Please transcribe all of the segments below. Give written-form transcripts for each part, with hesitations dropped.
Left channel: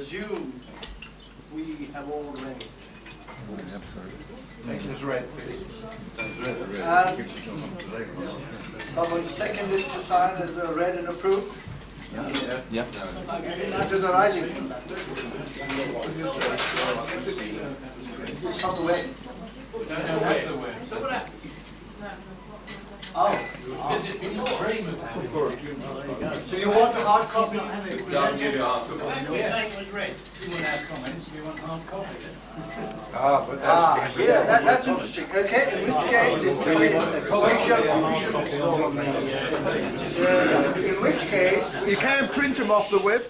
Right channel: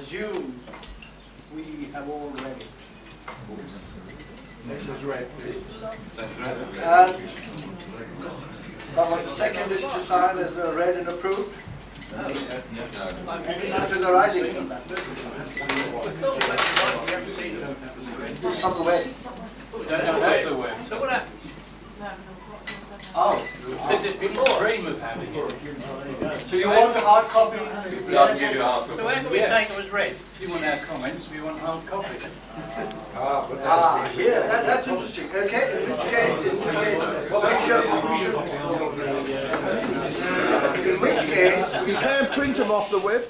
assume we have all read it. This is red. And someone seconded to sign as read and approved? Any matters arising from that? It's not the way. We don't have the web. Oh. Said it before. Dream of having it. So you want a hard copy? I'll give you a hard copy. So where do we take it was red? You want our comments, we want hard copy. Yeah, that's interesting. Okay, in which case, we can print them off the web.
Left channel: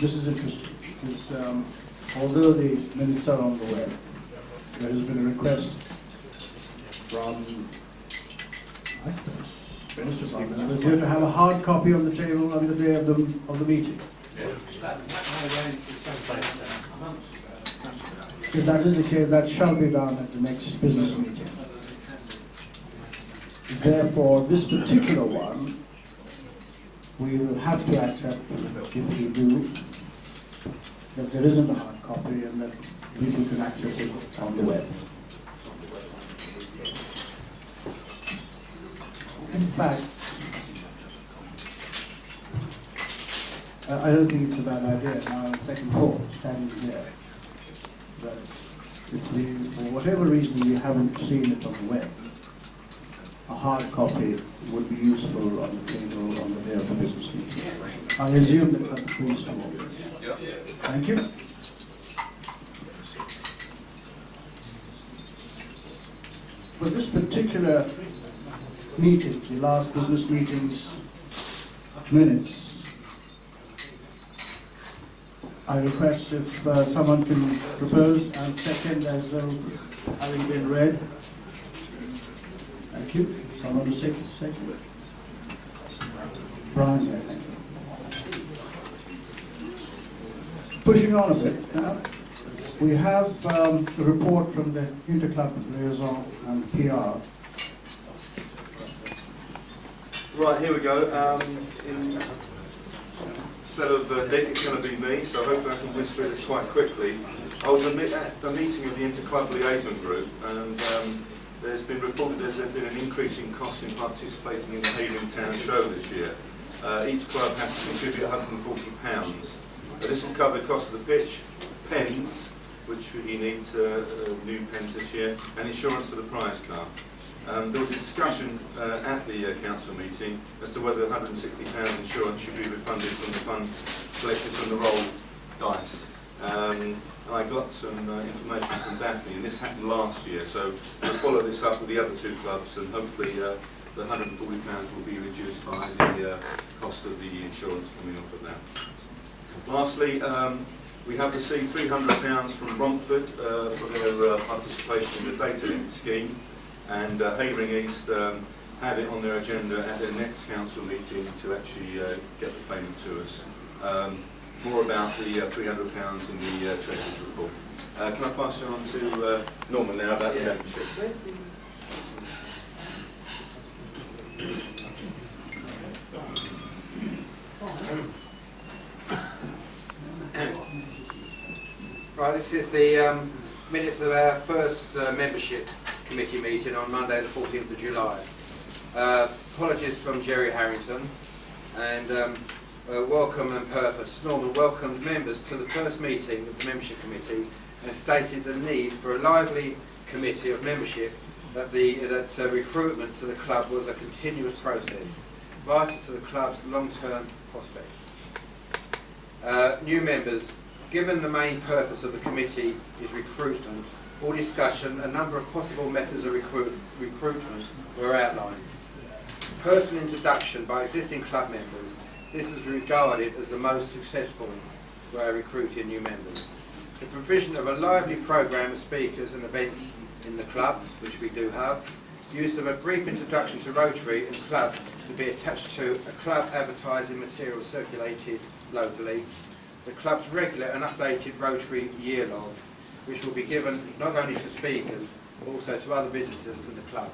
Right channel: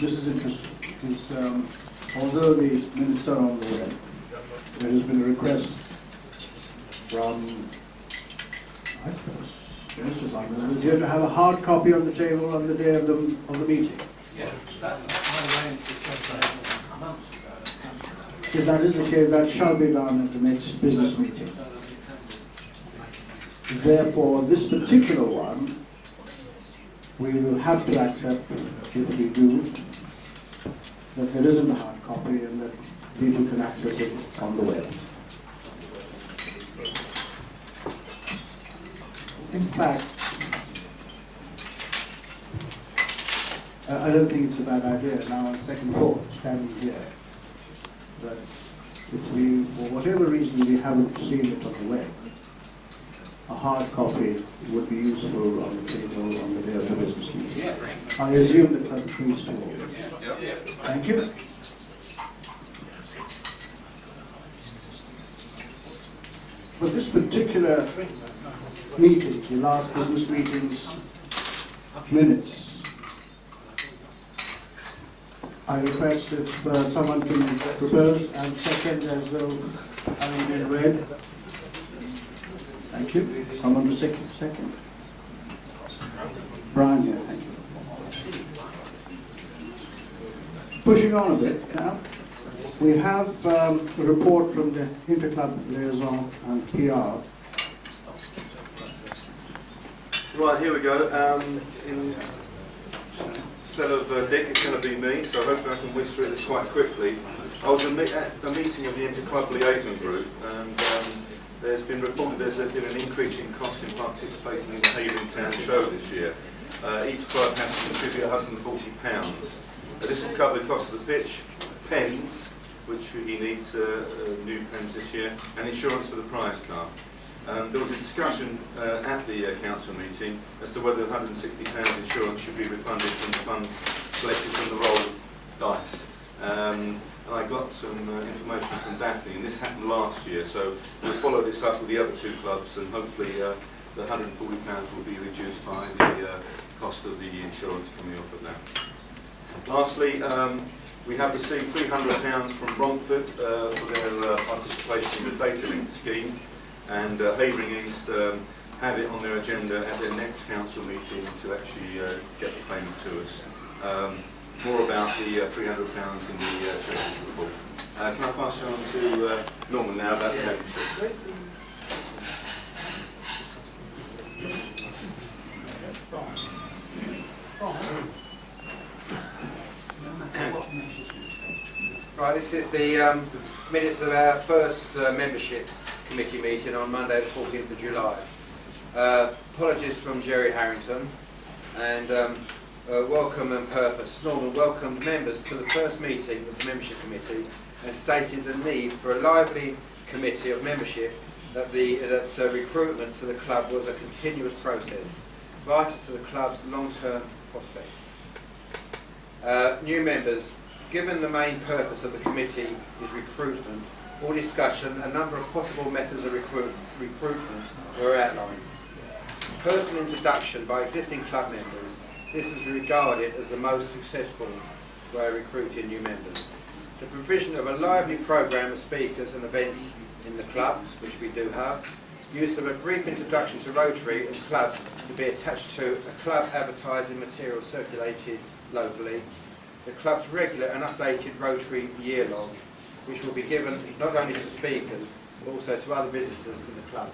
This is interesting because although the minutes are on the web, there has been a request from, I suppose, most of our members here to have a hard copy on the table on the day of the meeting. If that is the case, that shall be done at the next business meeting. Therefore, this particular one, we will have to accept, if we do, that there isn't a hard copy and that people can access it on the web. In fact, I don't think it's a bad idea now on second thought, standing here, that if we, for whatever reason, we haven't seen it on the web, a hard copy would be useful on the table on the day of the business meeting. I assume the clerk agrees to all this. Thank you. For this particular meeting, the last business meeting's minutes, I request if someone can propose and second as though having been read. Thank you. Someone to second. Brian here, thank you. Pushing on a bit now, we have a report from the Interclub Liaison and PR. Right, here we go. Instead of Dick, it's going to be me, so hopefully I can whiz through this quite quickly. I was at a meeting of the Interclub Liaison Group, and there's been reported there's been an increase in costs in participating in the Havering Town Show this year. Each club has to contribute £140. This will cover the cost of the pitch, pens, which he needs new pens this year, and insurance for the prize car. There was a discussion at the council meeting as to whether £160 insurance should be refunded from the funds collected from the roll dice. And I got some information from Daphne, and this happened last year, so we'll follow this up with the other two clubs, and hopefully the £140 will be reduced by the cost of the insurance coming off of that. Lastly, we have received £300 from Romford for their participation in the data link scheme, and Havering East have it on their agenda at their next council meeting to actually get the payment to us. More about the £300 in the treasurer's report. Can I pass you on to Norman now about the membership? Right, this is the minutes of our first membership committee meeting on Monday the 14th of July. Apologies from Jerry Harrington, and welcome and purpose. Norman welcomed members to the first meeting of the membership committee and stated the need for a lively committee of membership, that recruitment to the club was a continuous process, vital to the club's long-term prospects. New members. Given the main purpose of the committee is recruitment, or discussion, a number of possible methods of recruitment were outlined. Personal introduction by existing club members. This is regarded as the most successful way of recruiting new members. The provision of a lively programme of speakers and events in the club, which we do have. Use of a brief introduction to Rotary and club to be attached to a club advertising material circulated locally. The club's regular and updated Rotary year log, which will be given not only to speakers but also to other visitors to the club.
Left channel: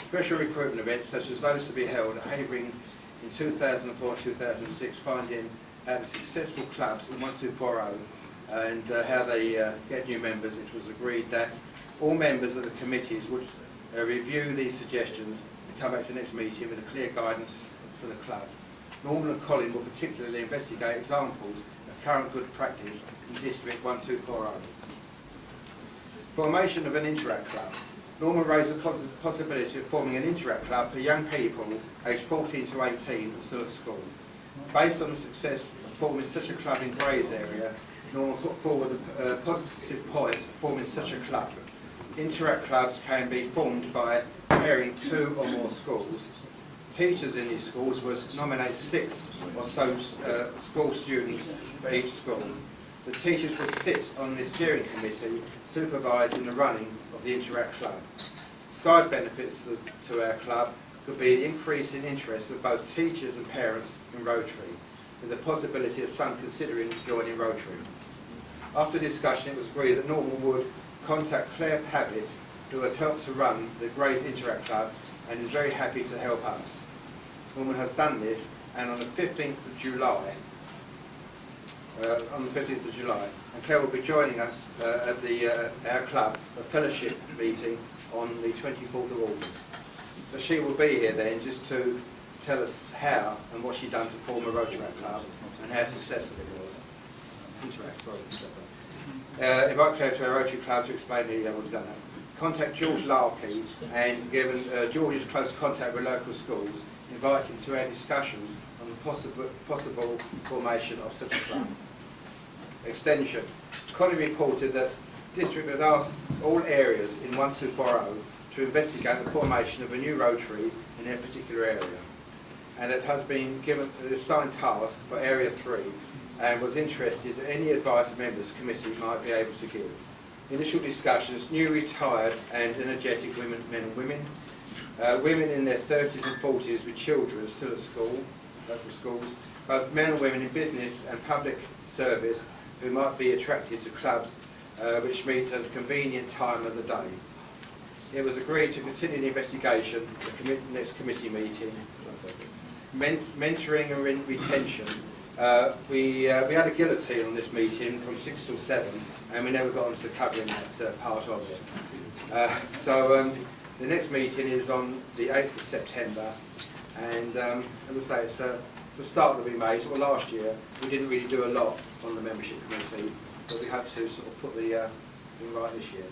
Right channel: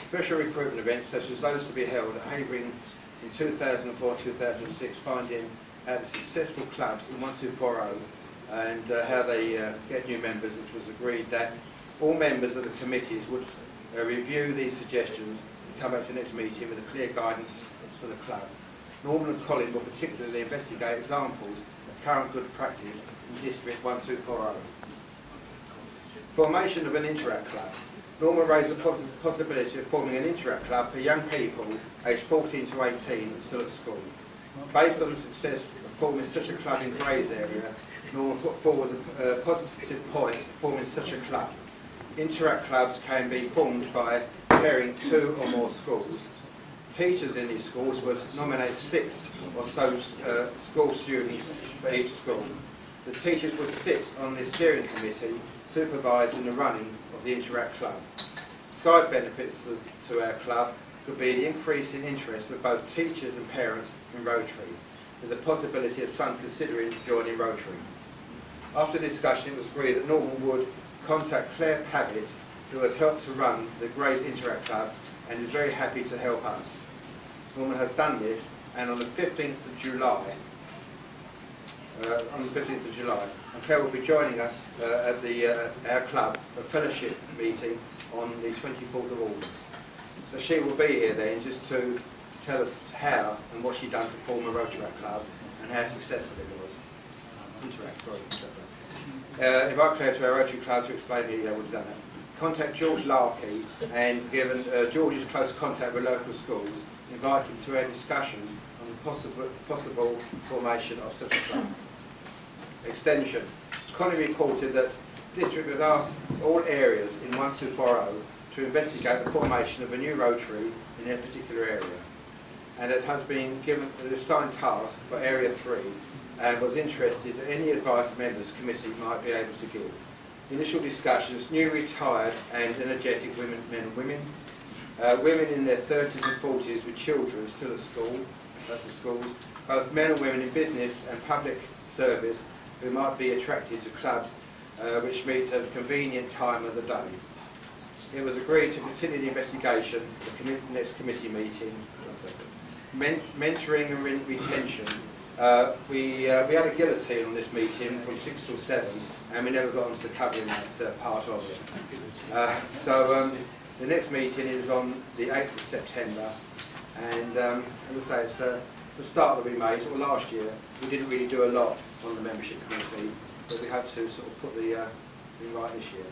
Special recruitment events such as those to be held at Havering in 2004-2006, finding out the successful clubs in 1240 and how they get new members. It was agreed that all members of the committees would review these suggestions and come back to the next meeting with a clear guidance for the club. Norman and Colin will particularly investigate examples of current good practice in District 1240. Formation of an Interact Club. Norman raised the possibility of forming an Interact Club for young people aged 14 to 18 still at school. Based on the success of forming such a club in Gray's area, Norman put forward the positive points of forming such a club. Interact clubs can be formed by pairing 2 or more schools. Teachers in these schools would nominate 6 or so school students for each school. The teachers would sit on the steering committee supervising the running of the Interact Club. Side benefits to our club could be the increase in interest of both teachers and parents in Rotary, with the possibility of some considering joining Rotary. After discussion, it was agreed that Norman would contact Claire Pavitt, who has helped to run the Grays Interact Club and is very happy to help us. Norman has done this, and on the 15th of July, and Claire will be joining us at our club, a fellowship meeting on the 24th of August. So she will be here then just to tell us how and what she's done to form a Rotary club and how successful it was. Invite Claire to our Rotary club to explain the what he's done that. Contact George Larkey, and given George's close contact with local schools, invite him to our discussions on the possible formation of such a club. Extension. Colin reported that District had asked all areas in 1240 to investigate the formation of a new Rotary in their particular area, and it has been given an assigned task for Area 3 and was interested in any advice members committee might be able to give. Initial discussions, new retired and energetic men and women, women in their 30s and 40s with children still at school, local schools, both men and women in business and public service who might be attracted to clubs which meet at a convenient time of the day. It was agreed to continue the investigation at the next committee meeting. Mentoring and retention. We had a guillotine on this meeting from 6 till 7, and we never got onto covering that part of it. The next meeting is on the 8th of September, and as I say, it's the start that we made. Well, last year we didn't really do a lot on the membership committee, but we had to sort of put the thing right this year.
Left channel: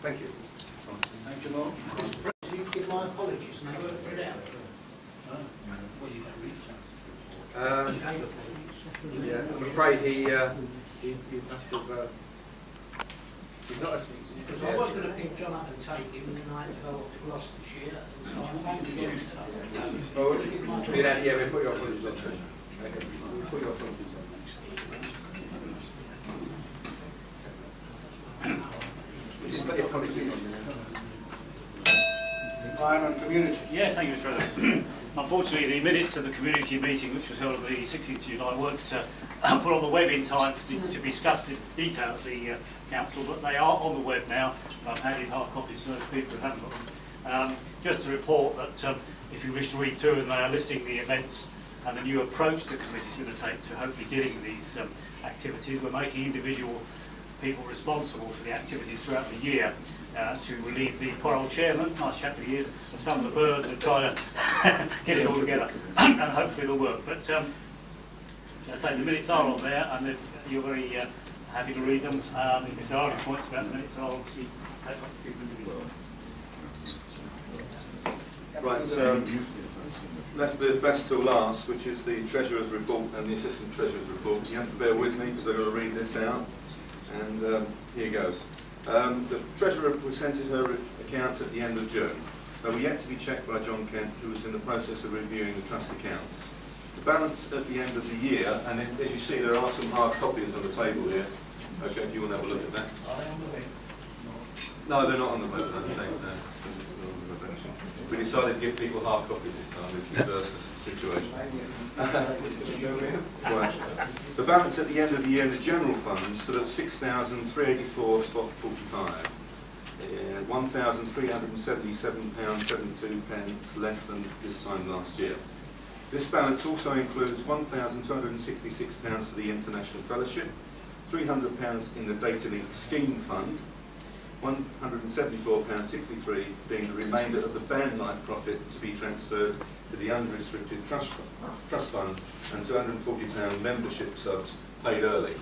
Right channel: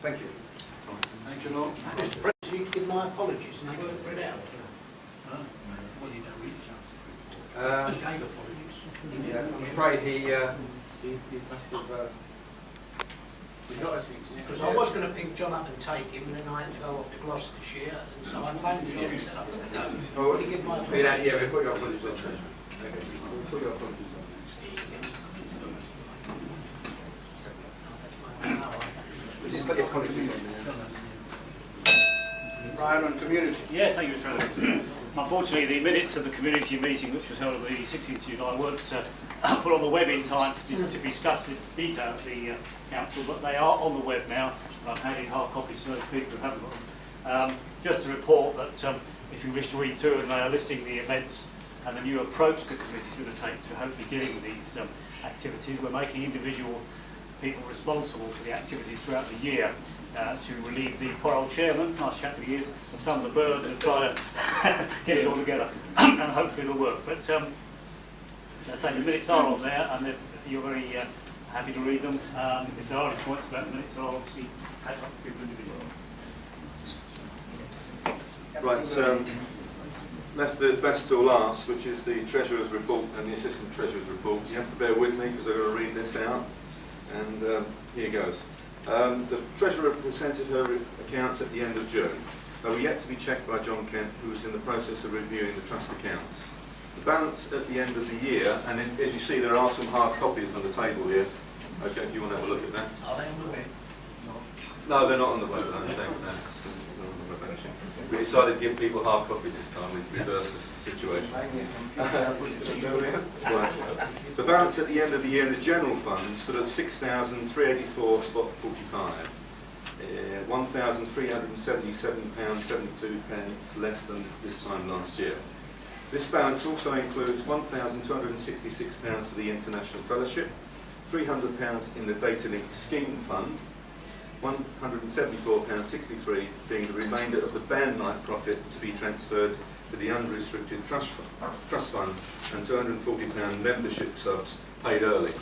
Thank you. Thank you, Lord. You give my apologies and they weren't read out. Well, you don't read it. He gave apologies. Yeah, I'm afraid he must have. He's not as. Because I was going to pick John up and take him, and then I had to go off to Gloucestershire, and so I phoned him and said, Oh, "Can you give my we apologies?" we put your apologies on. Okay, we'll put your apologies on. We just put the apologies on there. Brian on community. Yes, thank you, Mr. President. Unfortunately, the minutes of the community meeting, which was held on the 16th of July, weren't put on the web in time to be discussed in detail at the council, but they are on the web now. I've handed hard copies to those people who haven't got them. Just to report that if you wish to read through them, they are listing the events and the new approach the committee is going to take to hopefully dealing with these activities. We're making individual people responsible for the activities throughout the year to relieve the poor old chairman, nice chap that he is, of some of the burden of trying to get it all together, and hopefully it'll work. But as I say, the minutes are on there, and you're very happy to read them. If there are any points about the minutes, I'll obviously take up to people individually. Right, left the best till last, which is the Treasurer's report and the Assistant Treasurer's report. You have to bear with me because I've got to read this out, and here goes. The Treasurer presented her accounts at the end of June. They were yet to be checked by John Kent, who was in the process of reviewing the trust accounts. The balance at the end of the year, and as you see there are some hard copies on the table here. Okay, if you want to have a look at that. Are they on the web? No, they're not on the web, I don't think. No. We decided to give people hard copies this time, to reverse the situation. Right. The balance at the end of the year in the general fund stood at 6,384 spot 45. £1,377.72 less than this time last year. This balance also includes £1,266 for the International Fellowship, £300 in the Data Link Scheme Fund, £174.63 being the remainder of the band night profit to be transferred to the unrestricted trust fund, and £240 membership subs paid early.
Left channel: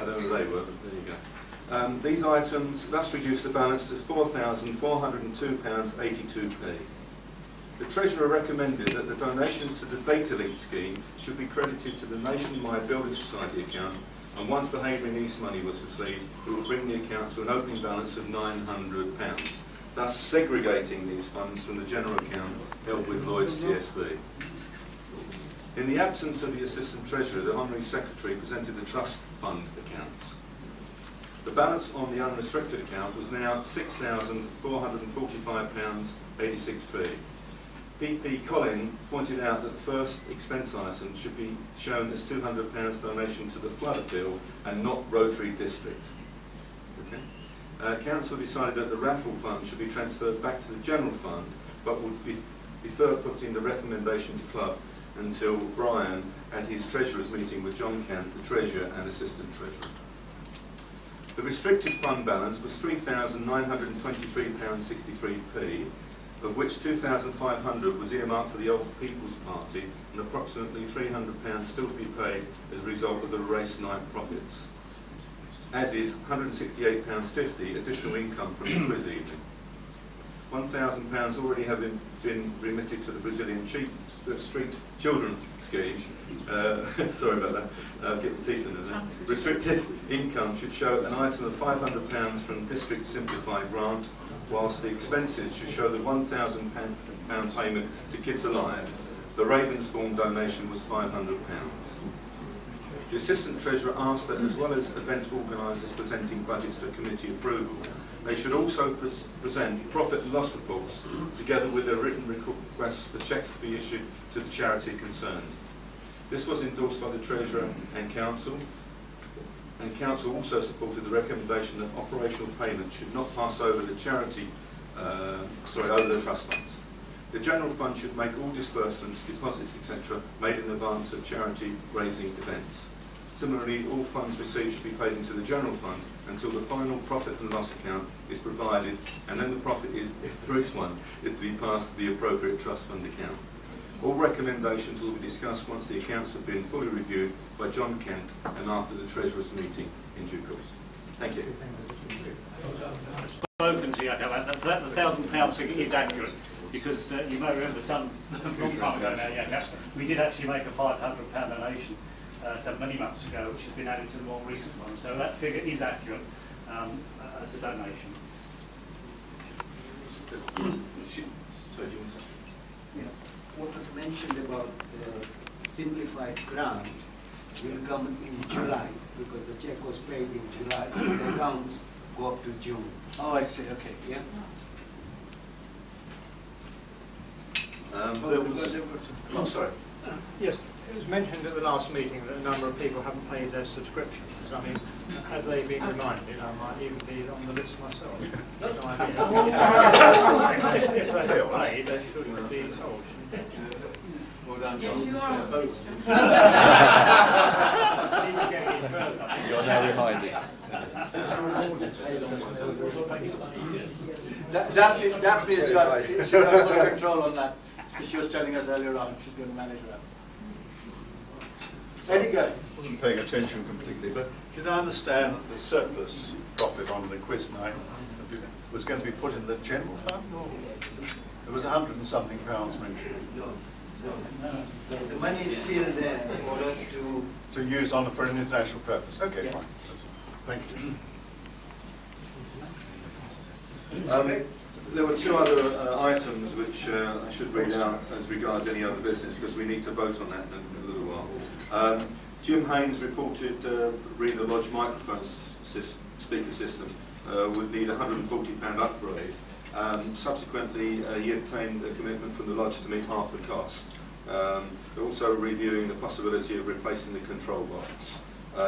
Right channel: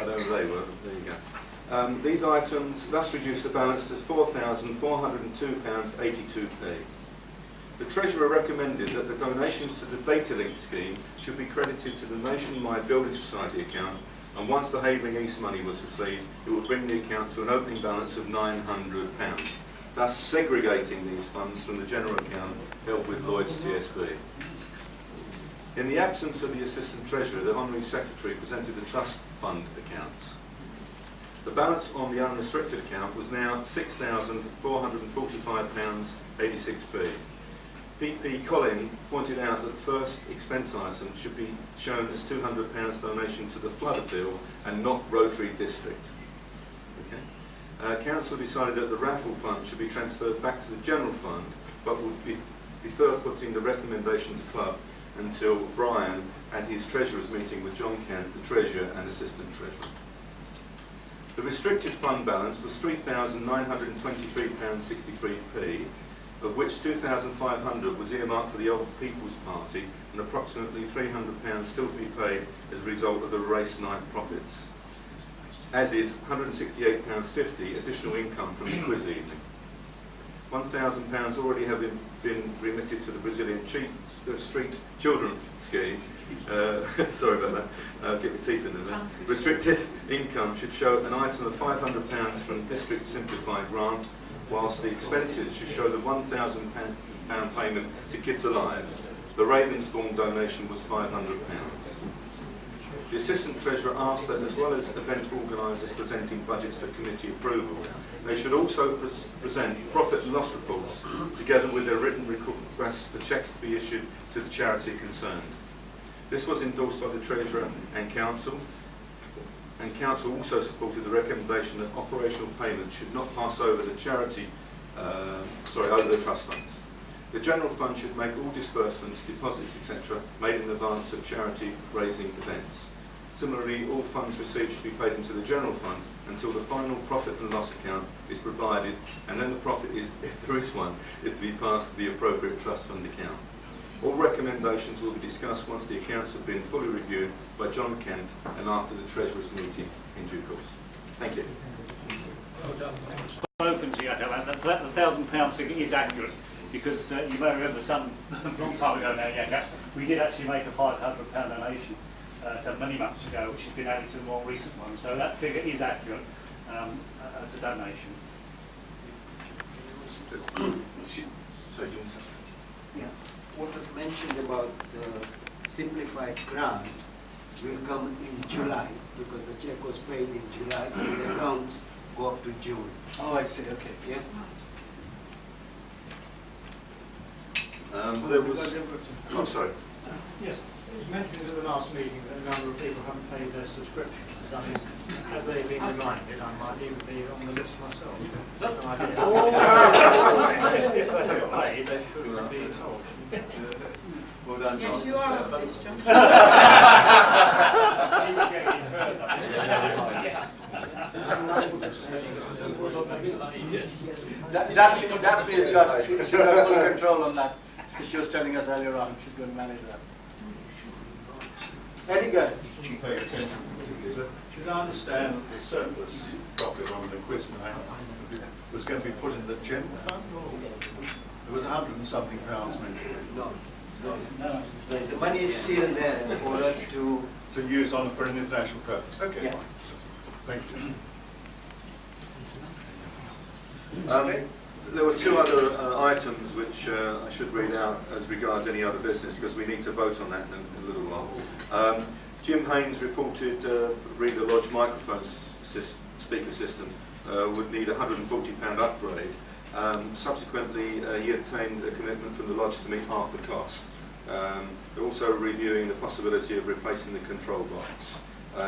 I don't know who they were, but there you go. These items thus reduce the balance to £4,402.82p. The Treasurer recommended that the donations to the Data Link scheme should be credited to the Nationwide Building Society account, and once the Havering East money was received, it would bring the account to an opening balance of £900, thus segregating these funds from the general account held with Lloyds TSB. In the absence of the Assistant Treasurer, the Honorary Secretary presented the Trust Fund accounts. The balance on the unrestricted account was now £6,445.86p. PP Collin pointed out that the first expense item should be shown as £200 donation to the flood appeal and not Rotary District. Okay. Council decided that the raffle fund should be transferred back to the general fund, but would defer putting the recommendation to club until Brian and his treasurer's meeting with John Kent, the treasurer and assistant treasurer. The restricted fund balance was £3,923.63p, of which £2,500 was earmarked for the Old People's Party and approximately £300 still to be paid as a result of the race night profits, as is £168.50 additional income from the quiz evening. £1,000 already have been remitted to the Brazilian Street Children Scheme. Sorry about that, get the teeth into that. Restricted income should show an item of £500 from District Simplified Grant, whilst the expenses should show the £1,000 payment to Kids Alive. The Ravensbourne donation was £500. The Assistant Treasurer asked that, as well as event organisers presenting budgets for committee approval, they should also present profit and loss reports together with their written requests for cheques to be issued to the charity concerned. This was endorsed by the Treasurer and Council also supported the recommendation that operational payments should not pass over the over the trust funds. The general fund should make all disbursements, deposits, etc. made in advance of charity raising events. Similarly, all funds received should be paid into the general fund until the final profit and loss account is provided, and then the profit is, if there is one, is to be passed to the appropriate trust fund account. All recommendations will be discussed once the accounts have been fully reviewed by John Kent and after the Treasurer's meeting in due course. Thank you. Spoken to you about that. The £1,000 figure is accurate, because you may remember some long time ago now, we did actually make a £500 donation some many months ago, which has been added to the more recent one. So that figure is accurate as a donation. What was mentioned about the simplified grant will come in July, because the check was paid in July and the accounts go up to June. Oh, I see, okay. Yeah? There was... Oh, sorry. Yes, it was mentioned at the last meeting that a number of people haven't paid their subscriptions. I mean, had they been reminded, I might even be on the list myself. No idea. If they haven't paid, they should be told. Well done, Yes, John. you are on the list, John. Daphne has got full control on that. She was telling us earlier on, she's going to manage that. Edgar. Wasn't paying attention completely, but did I understand that the surplus profit on the quiz night was going to be put in the general fund, or there was £100 and something mentioned? No. The money is still there for us to use for an international purpose. Okay, yeah. fine. Thank you. There were two other items which I should read out as regards any other business, because we need to vote on that in a little while. Jim Haynes reported Reader Lodge microphone speaker system would need a £140 upgrade. Subsequently, he obtained a commitment from the Lodge to meet half the cost. They're also reviewing the possibility of replacing the control box.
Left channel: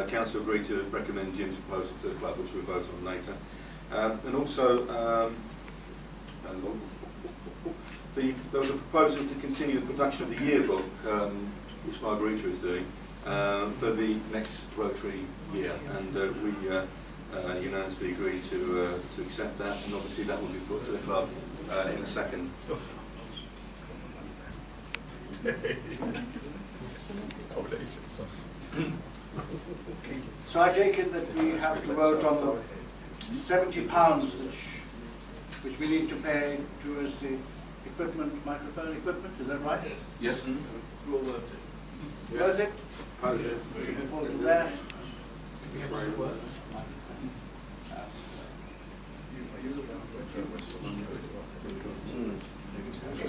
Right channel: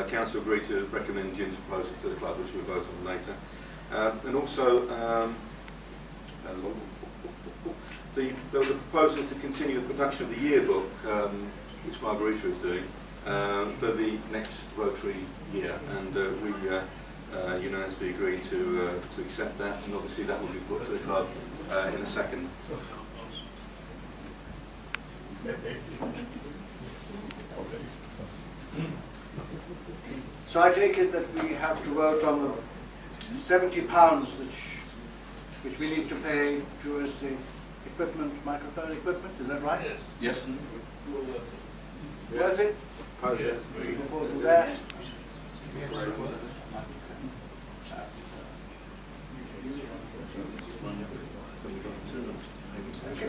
Council agreed to recommend Jim's proposal to the club, which we'll vote on later. And also, there was a proposal to continue the production of the yearbook, which Margarita is doing, for the next Rotary year, and we unanimously agreed to accept that, and obviously that will be put to the club in a second. So I take it that we have to vote on the £70 which we need to pay towards the equipment, microphone equipment, is that right? Yes. Worth it? Proposal there.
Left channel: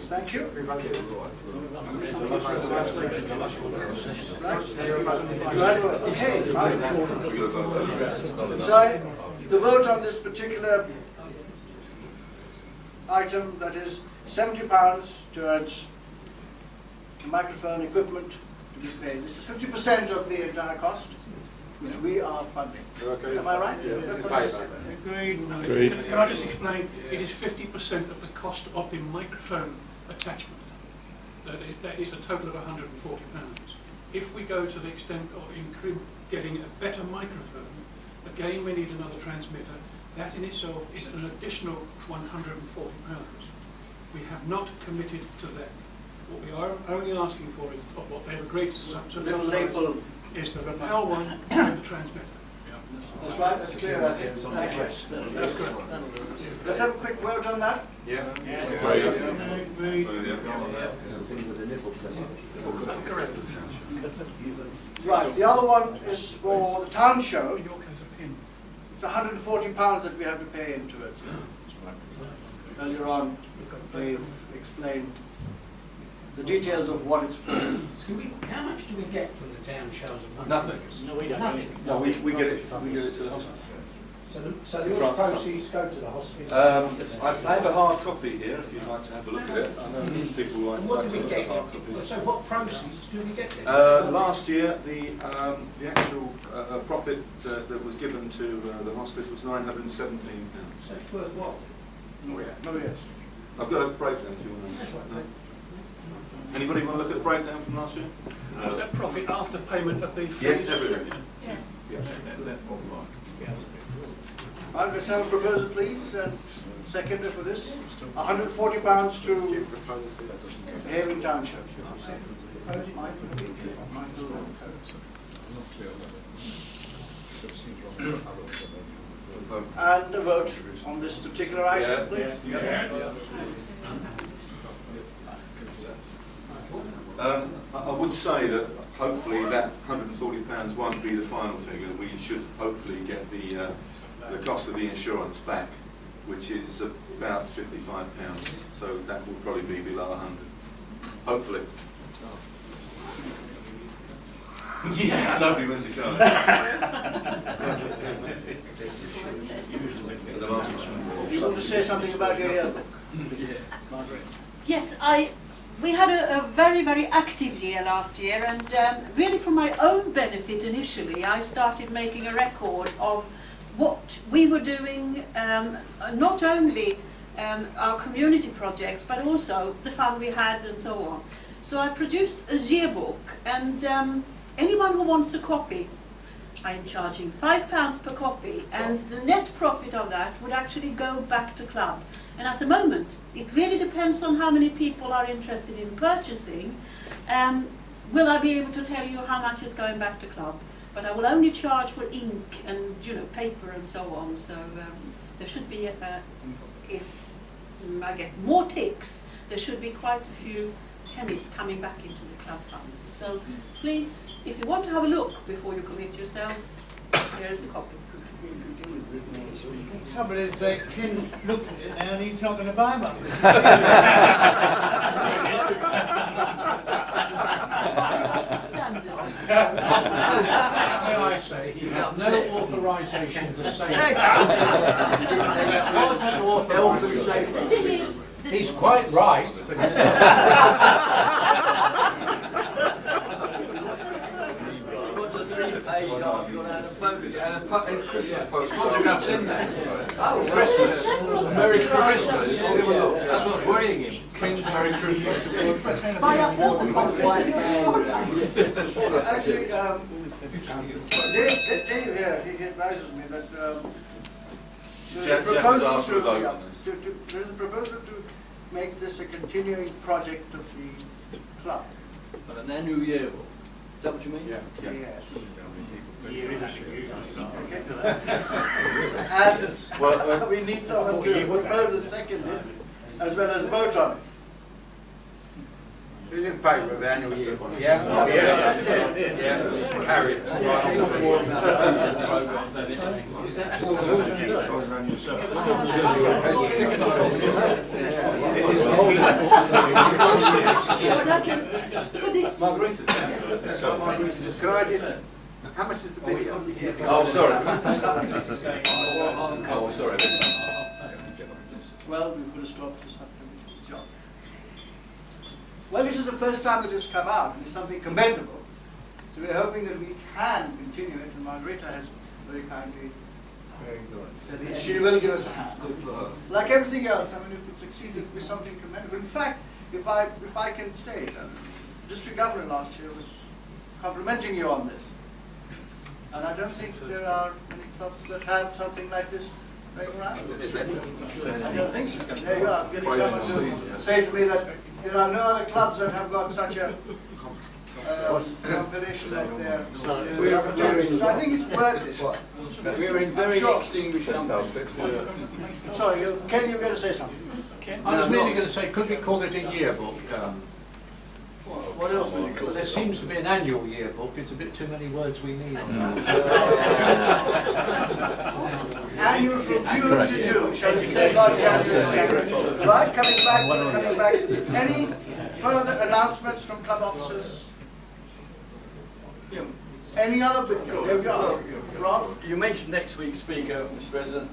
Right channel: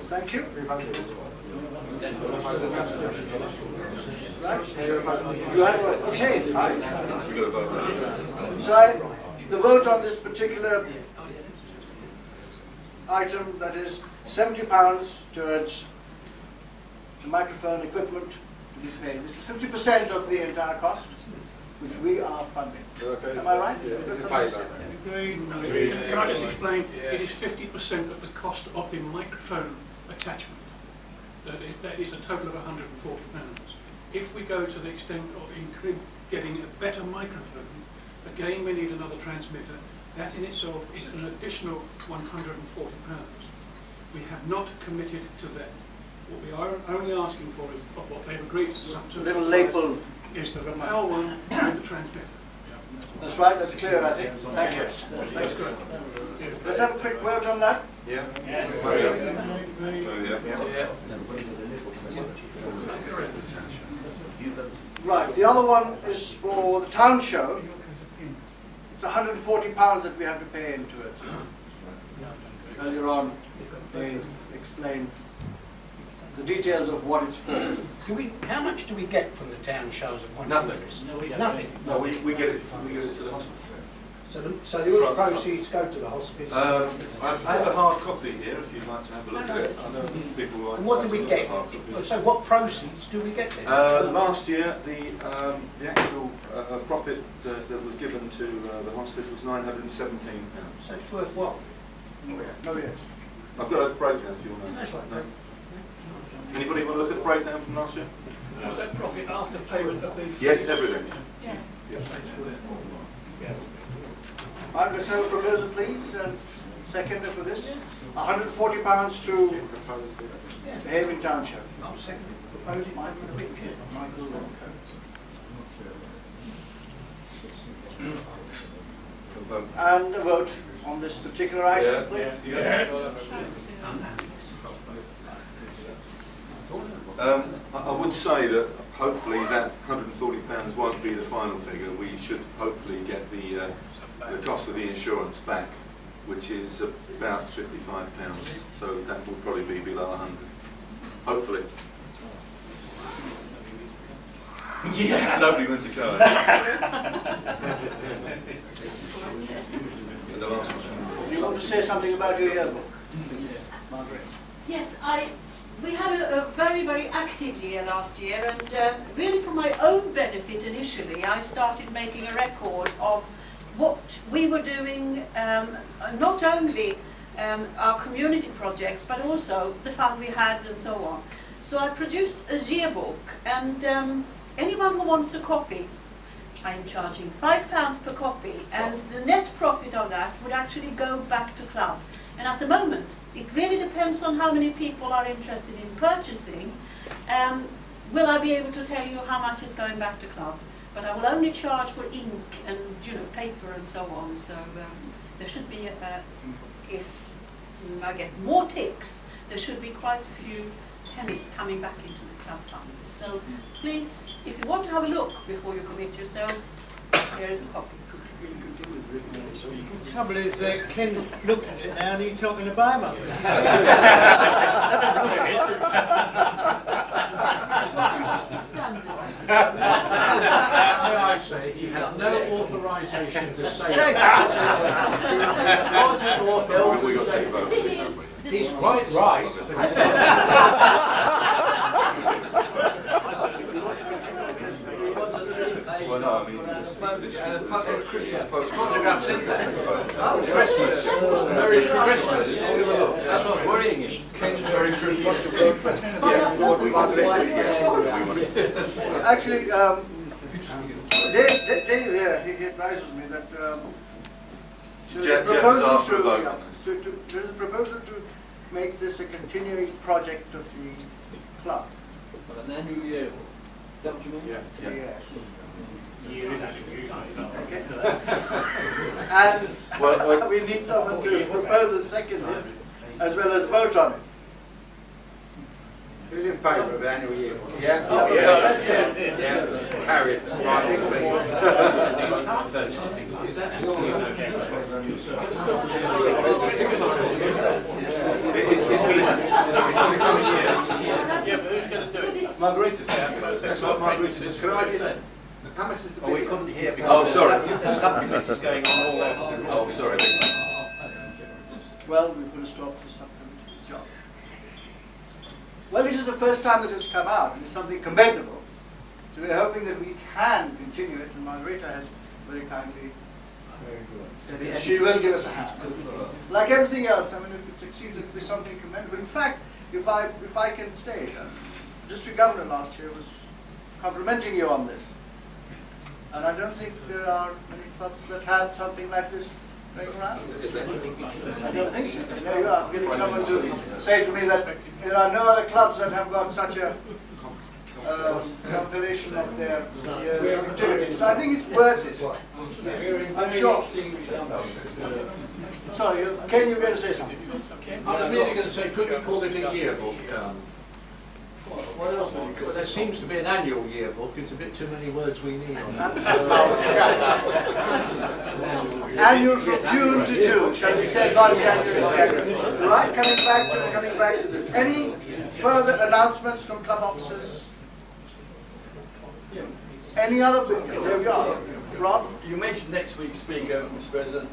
Thank you. Right. Okay, fine. So the vote on this particular item, that is £70 towards the microphone equipment to be paid. It's 50% of the entire cost, which we are funding. Okay. Am I right? Yeah. That's You what I pay said. that. Can I just explain? It is 50% of the cost of the microphone attachment. That is a total of £140. If we go to the extent of getting a better microphone, again we need another transmitter. That in itself is an additional £140. We have not committed to that. What we are only asking for is, of what they've agreed to Little label. is the lapel one and the transmitter. That's right, that's clear, I think. Thank you. That's good. Let's have a quick vote on that. Yeah. Right, the other one is for the town show. It's £140 that we have to pay into it. Earlier on, they explained the details of what it's for. How much do we get from the town shows at one? Nothing. No, we don't. Nothing. No, we get it to the hospice. So the all proceeds go to the hospice? I have a hard copy here if you'd like to have a look at it. I know people like And what do to we look at get? hard copies. So what proceeds do we get then? Last year, the actual profit that was given to the hospice was £917. So it's worthwhile. Oh, yes. I've got a breakdown if you want to know. That's right. No? Anybody want to look at the breakdown from last year? Was that profit after payment of the fee? Yes, everything. Yeah. Right, let's have a proposal, please, and seconder for this. £140 to the Havering Town Show. I'll second the proposal. And a vote on this particular item, please. I would say that hopefully that £140 won't be the final figure. We should hopefully get the cost of the insurance back, which is about £55. So that will probably be below 100. Hopefully. Yeah, nobody wins the car. And the last one. You want to say something about your yearbook? Margaret? Yes, we had a very, very active year last year, and really for my own benefit initially, I started making a record of what we were doing, not only our community projects, but also the fun we had and so on. So I produced a yearbook, and anyone who wants a copy, I'm charging £5 per copy, and the net profit of that would actually go back to club. And at the moment, it really depends on how many people are interested in purchasing. Will I be able to tell you how much is going back to club? But I will only charge for ink and paper and so on. So there should be, if I get more ticks, there should be quite a few pennies coming back into the club funds. So please, if you want to have a look before you commit yourself, here is a copy. The trouble is that Ken's looked at it now and he's not going to buy one. I say you have no authorisation to say The thing is, he's quite right. What's a 3-page article and a photograph? Christmas post. Photographs in there. Oh, Actually, Dave here, he advises me that there's a Jeff has proposal asked for a vote to, on this. there's a proposal to make this a continuing project of the club. But an annual yearbook, is that what you mean? Yes. Year is actually Okay. And we need someone to propose a second as well as vote on it. Who's in favour of the annual year? Yeah? That's it. Yeah, carried. Margarita's there. That's what Margarita's Can I just, how much is the video? Oh, sorry. Oh, sorry. Well, we put a stop to the subcommittee's job. Well, this is the first time that it's come out, and it's something commendable. So we're hoping that we can continue it, and Margarita has very kindly said that she will give us a hand. Like everything else, I mean, if it succeeds, it will be something commendable. In fact, if I can state, District Governor last year was complimenting you on this. And I don't think there are many clubs that have something like this going around. I don't think so. There you are, getting someone to say to me that there are no other clubs that have got such a compilation of their opportunities. So I think it's worth it. We're in very extinguished company. Sorry, Ken, you were going to say something? I was merely going to say, could we call it a yearbook? What else would you call Well, there it? seems to be an annual yearbook. It's a bit too many words we need on that. Annual from June to June, shall we say, not January to January. Right, coming back to this. Any further announcements from club officers? Any other, there we are. Ron? You mentioned next week's speaker, Mr. President,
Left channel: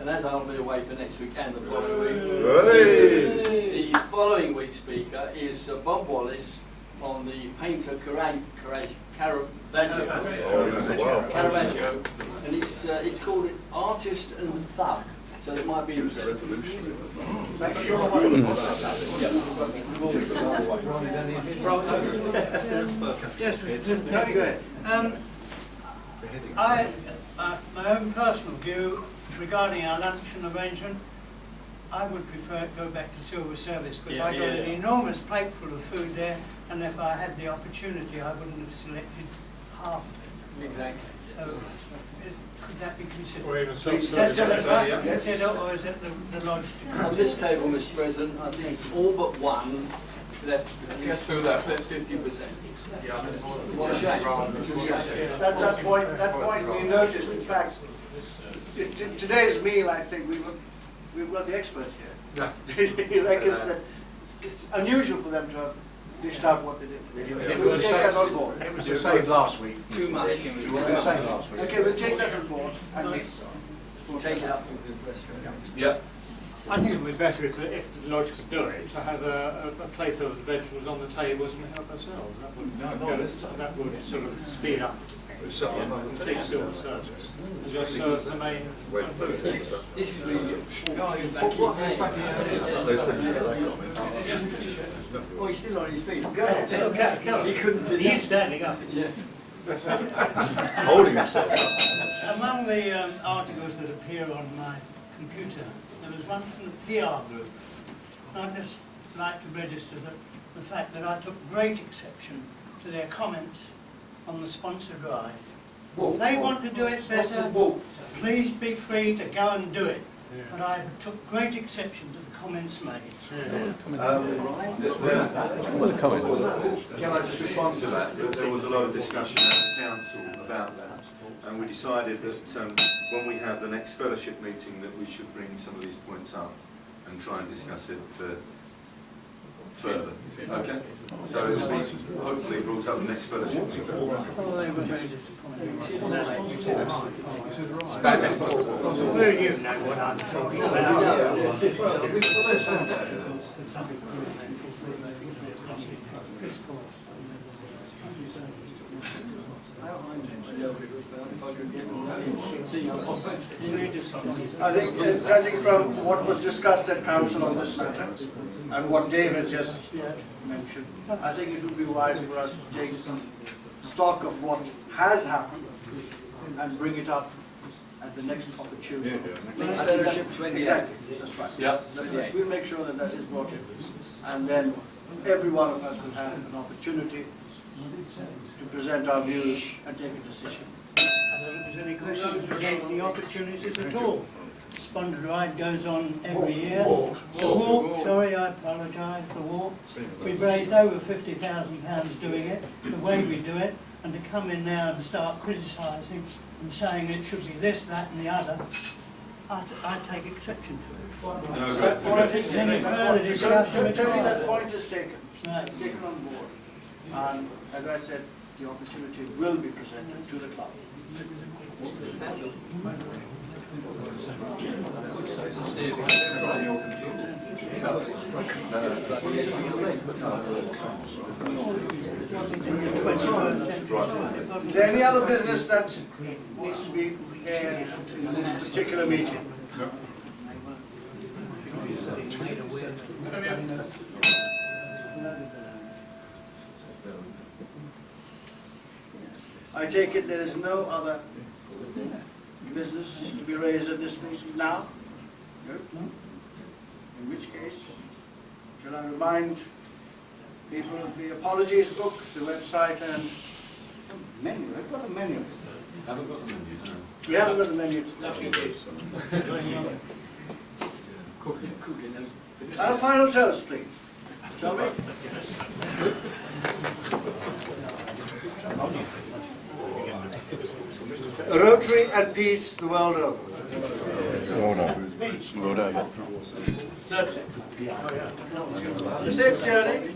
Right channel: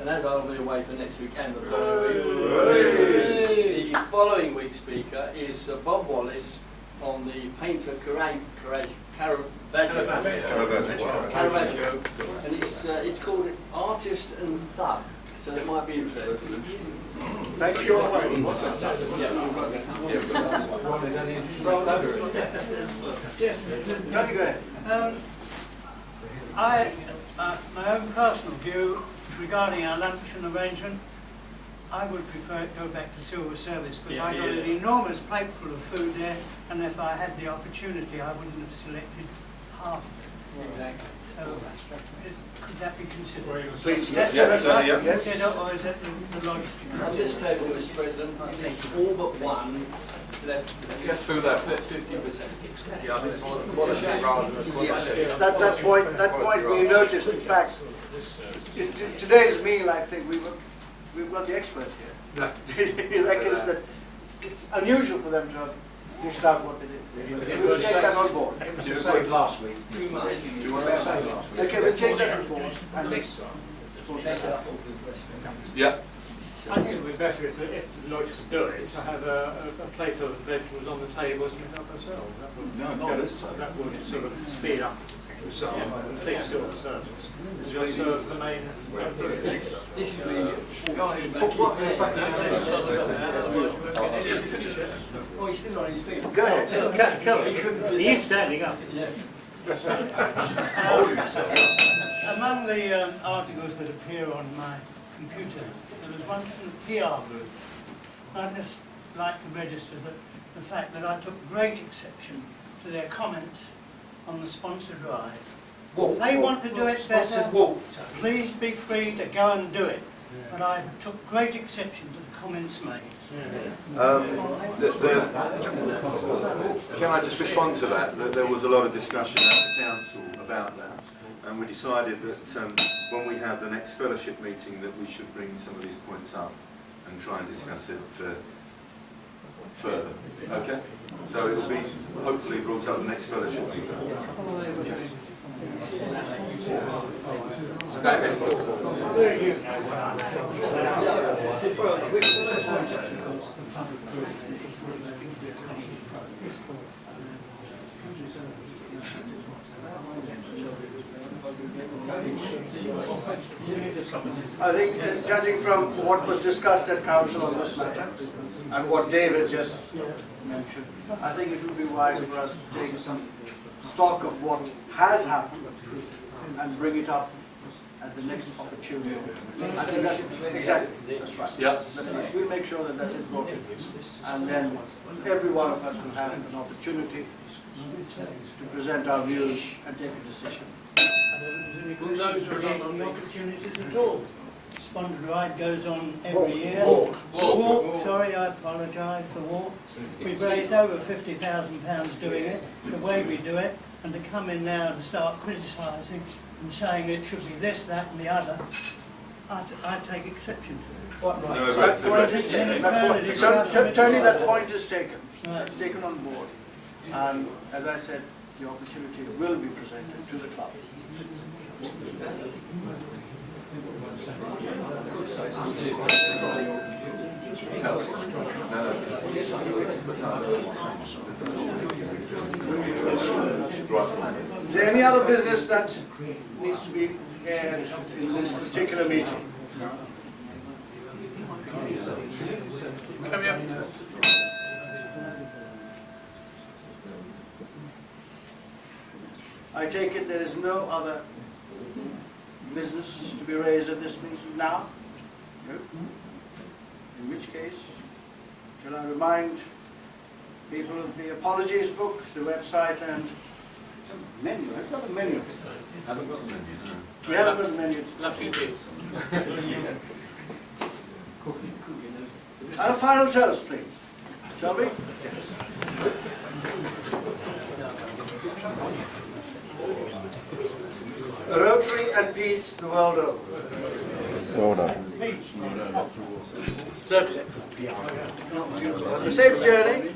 and as I'll be away for next week and the following week, the following week's speaker is Bob Wallace on the painter Caravaggio, and it's called Artist and Thug, so it might be interesting. Thank you. Yes, Tony, go ahead. My own personal view regarding our luncheon arrangement, I would prefer it go back to civil service because I got an enormous plate full of food there, and if I had the opportunity, I wouldn't have selected half of it. Exactly. So, could that be considered? Or even Is that self-service. considered, or is it the lodge? On this table, Mr. President, I think all but one left through that 50%. It's a shame. That point we noticed, in fact, today's meal, I think we've got the expert here. He reckons that it's unusual for them to have dished out what they did. We'll take that on board. It was the same last week. Too much. It was the same last week. Okay, we'll take that on board. And We'll take it up with the press. Yeah. I think it would be better if the lodge could do it, to have a plate of vegetables on the tables and we help ourselves. That would sort of speed up things. Take civil service. Just serve the main food. This is really Oh, he's still on his feet. go ahead. He couldn't sit He down. is standing up. Yeah. Among the articles that appear on my computer, there was one from the PR group. I'd just like to register the fact that I took great exception to their comments on the sponsor drive. If they want to do it better, please be free to go and do it. But I took great exception to the comments made. Can I just respond to that? There was a lot of discussion at the council about that, and we decided that when we have the next fellowship meeting that we should bring some of these points up and try and discuss it further. Okay? So it will be hopefully brought up the next fellowship meeting. Well, you know what I'm talking about. I think, judging from what was discussed at council on this matter, and what Dave has just mentioned, I think it would be wise for us to take some stock of what has happened and bring it up at the next opportunity. I think exactly, that's right. Yeah. That's right. We'll make sure that that is brought in. And then every one of us will have an opportunity to present our views and take a decision. I don't think there's any question about any opportunities at all. Sponsored ride goes on every year. The walk, sorry, I apologise, the walk. We've raised over £50,000 doing it, the way we do it, and to come in now and start criticising and saying it should be this, that and the other, I take exception to it. That point is taken. Any That further point- discussion? Tony, that point is taken. Right. It's taken on board. And as I said, the opportunity will be presented to the club. Is there any other business that needs to be aired in this particular meeting? I take it there is no other business to be raised at this meeting now? No? In which case, shall I remind people of the apologies book, the website and the menu? I've got the menu. Haven't got the menu, no. We haven't got the menu. And a final toast, please. Shall we? Rotary and peace the world over. Well done. Well done. A safe journey.